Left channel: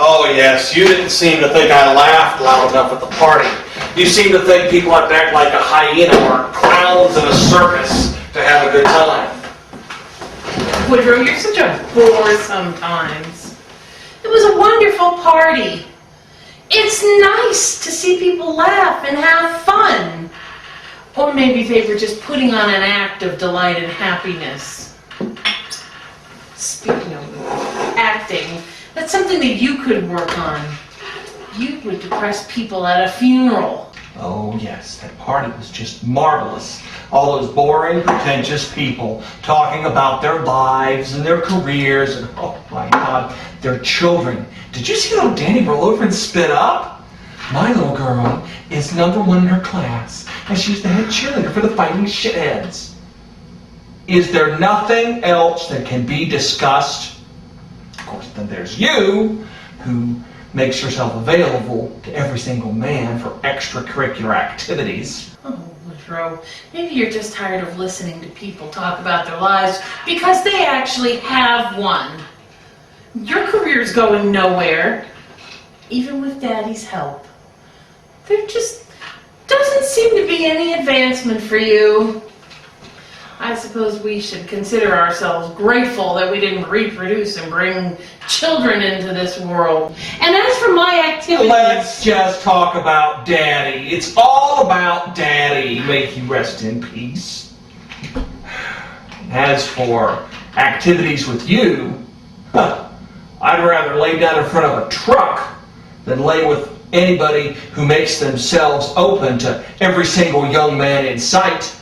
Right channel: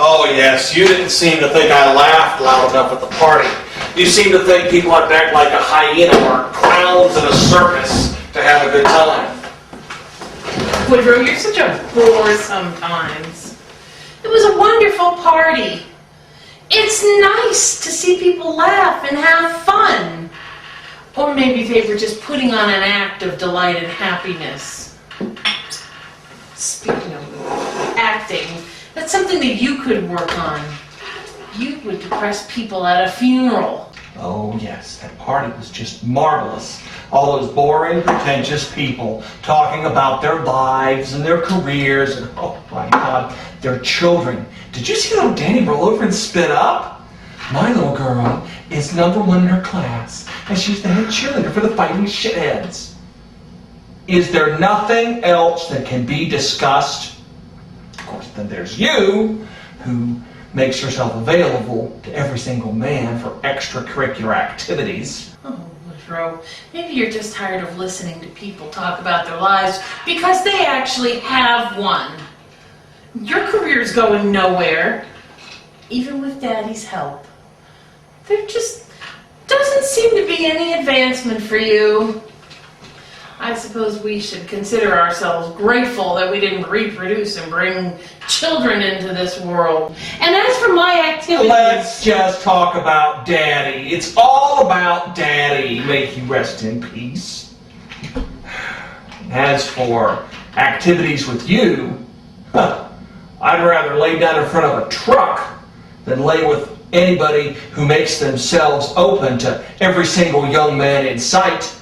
Oh yes, you didn't seem to think I laughed loud enough at the party. You seem to think people had to act like a hyena or clowns in a circus to have a good time. Woodrow, you're such a bore sometimes. It was a wonderful party. It's nice to see people laugh and have fun. Or maybe they were just putting on an act of delight and happiness. Speaking of acting, that's something that you could work on. You would depress people at a funeral. Oh yes, that party was just marvelous. All those boring, pretentious people talking about their lives and their careers and, oh my God, their children. Did you see little Danny roll over and spit up? My little girl is #1 in her class, and she's the head cheerleader for the Fighting Shitheads. Is there nothing else that can be discussed? Of course, then there's you, who makes yourself available to every single man for extracurricular activities. Oh, Woodrow, maybe you're just tired of listening to people talk about their lives because they actually have one. Your career's going nowhere, even with Daddy's help. There just doesn't seem to be any advancement for you. I suppose we should consider ourselves grateful that we didn't reproduce and bring children into this world. And as for my activities... Let's just talk about Daddy. It's all about Daddy. May he rest in peace. As for activities with you, I'd rather lay down in front of a truck than lay with anybody who makes themselves open to every single young man in sight.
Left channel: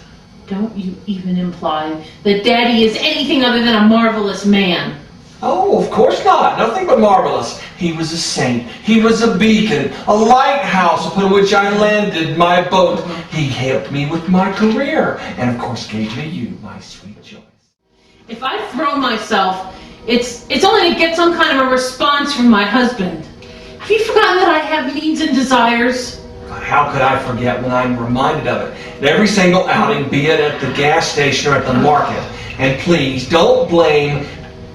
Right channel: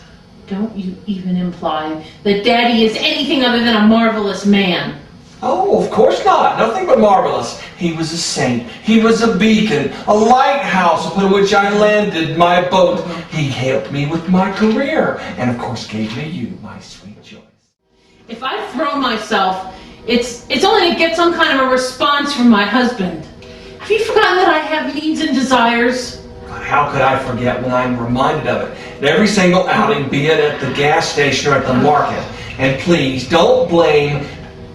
Don't you even imply that Daddy is anything other than a marvelous man. Oh, of course not. Nothing but marvelous. He was a saint. He was a beacon, a lighthouse upon which I landed my boat. He helped me with my career, and of course gave me you, my sweet Joyce. If I throw myself, it's only to get some kind of a response from my husband. Have you forgotten that I have needs and desires? God, how could I forget when I'm reminded of it? At every single outing, be it at the gas station or at the market. And please, don't blame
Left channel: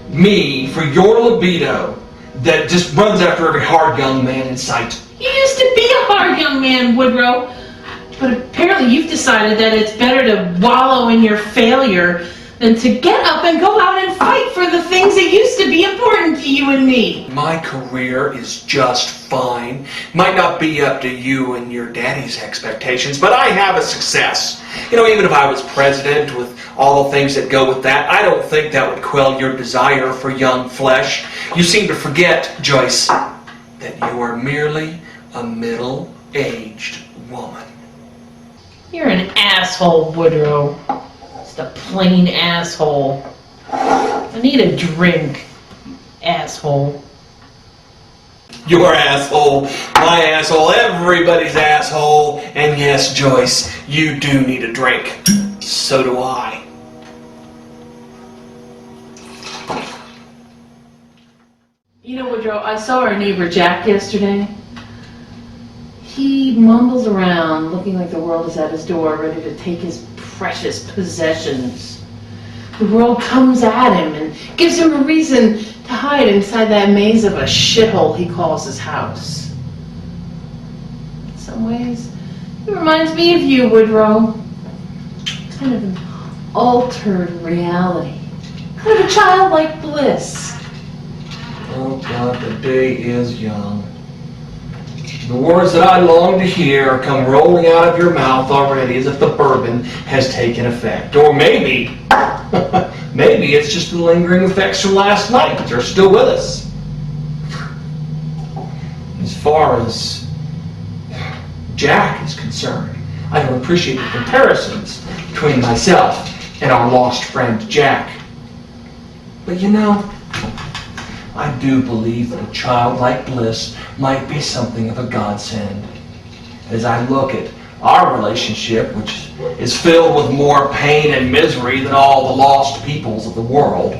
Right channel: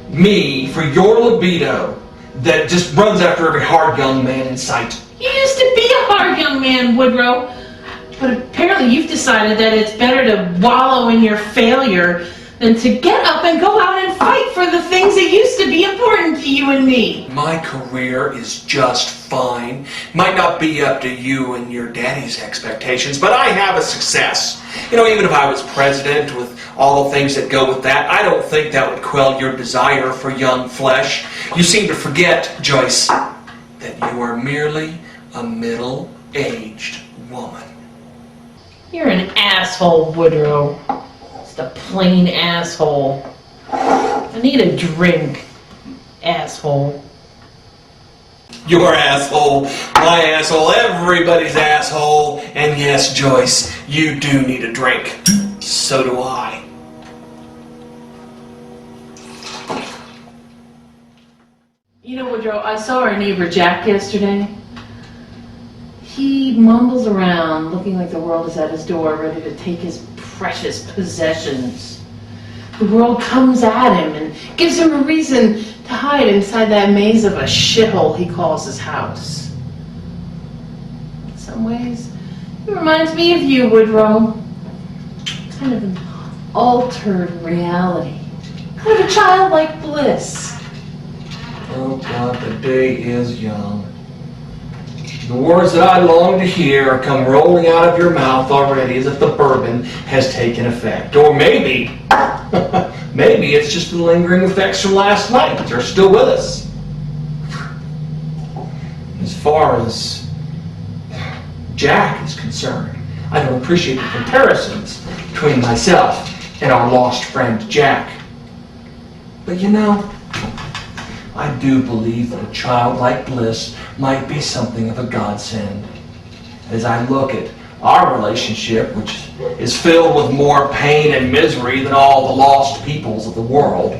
me for your libido that just runs after every hard young man in sight. You used to be a hard young man, Woodrow. But apparently you've decided that it's better to wallow in your failure than to get up and go out and fight for the things that used to be important to you and me. My career is just fine. Might not be up to you and your daddy's expectations, but I have a success. You know, even if I was president with all the things that go with that, I don't think that would quell your desire for young flesh. You seem to forget, Joyce, that you are merely a middle-aged woman. You're an asshole, Woodrow. Just a plain asshole. I need a drink, asshole. Your asshole, my asshole, everybody's asshole. And yes, Joyce, you do need a drink. So do I. You know, Woodrow, I saw our neighbor Jack yesterday. He mumbles around, looking like the world is at his door, ready to take his precious possessions. The world comes at him and gives him a reason to hide inside that maze of a shithole he calls his house. In some ways, it reminds me of you, Woodrow. Kind of an altered reality. Kind of a childlike bliss. Oh God, the day is young. The words that I long to hear come rolling out of your mouth already as if the bourbon has taken effect. Or maybe, maybe it's just the lingering effects from last night that are still with us. As far as Jack is concerned, I don't appreciate the comparisons between myself and our lost friend Jack. But you know, I do believe that a childlike bliss might be something of a godsend. As I look at our relationship, which is filled with more pain and misery than all the lost peoples of the world.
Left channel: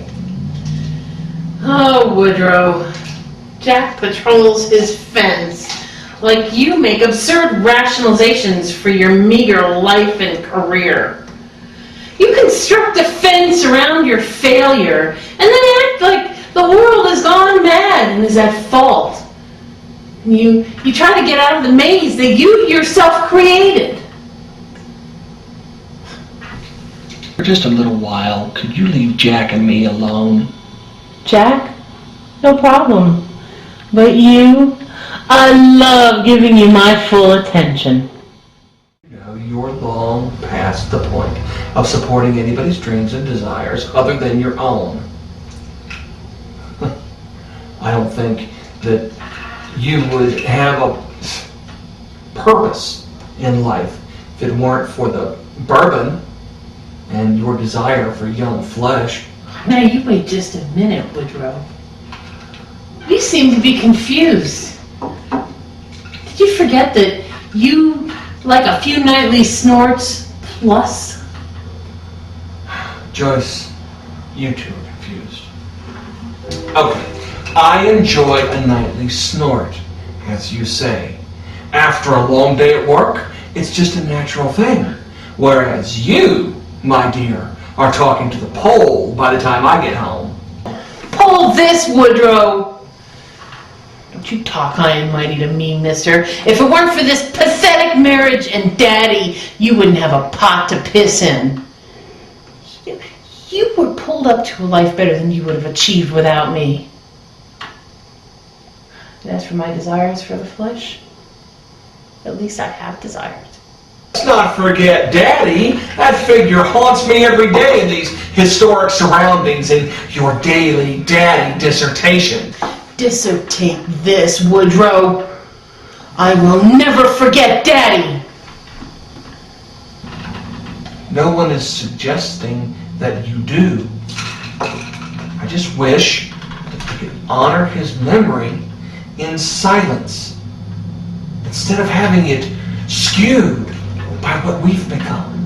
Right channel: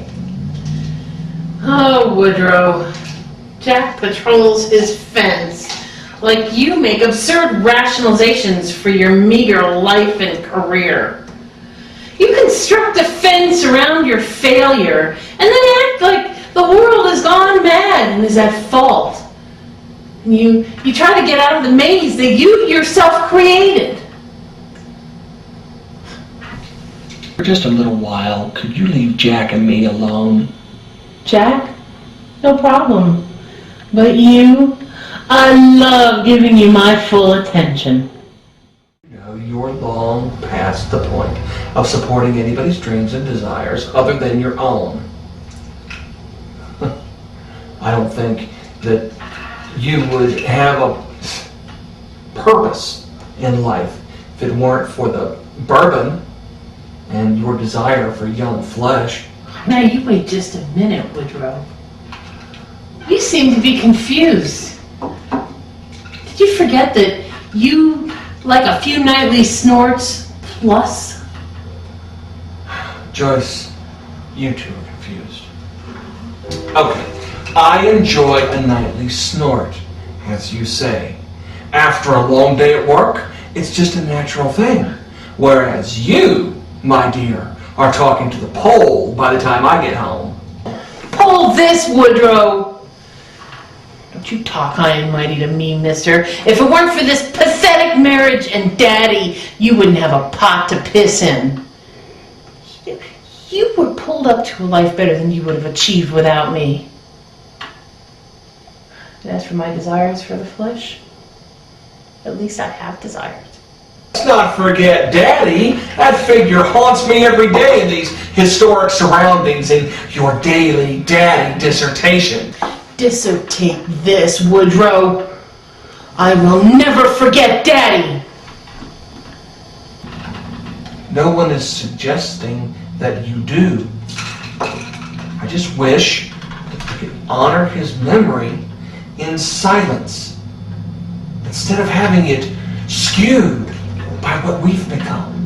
Oh, Woodrow. Jack patrols his fence like you make absurd rationalizations for your meager life and career. You construct a fence around your failure and then act like the world has gone mad and is at fault. You try to get out of the maze that you yourself created. For just a little while, could you leave Jack and me alone? Jack? No problem. But you? I love giving you my full attention. You're long past the point of supporting anybody's dreams and desires other than your own. I don't think that you would have a purpose in life if it weren't for the bourbon and your desire for young flesh. Now you wait just a minute, Woodrow. You seem to be confused. Did you forget that you like a few nightly snorts plus? Joyce, you two are confused. Okay, I enjoy a nightly snort, as you say. After a long day at work, it's just a natural thing. Whereas you, my dear, are talking to the pole by the time I get home. Pull this, Woodrow! Don't you talk high and mighty to me, mister. If it weren't for this pathetic marriage and Daddy, you wouldn't have a pot to piss in. You were pulled up to a life better than you would have achieved without me. And as for my desires for the flesh, at least I have desires. Let's not forget Daddy. That figure haunts me every day in these historic surroundings in your daily Daddy dissertation. Dissertate this, Woodrow. I will never forget Daddy. No one is suggesting that you do. I just wish that you could honor his memory in silence instead of having it skewed by what we've become.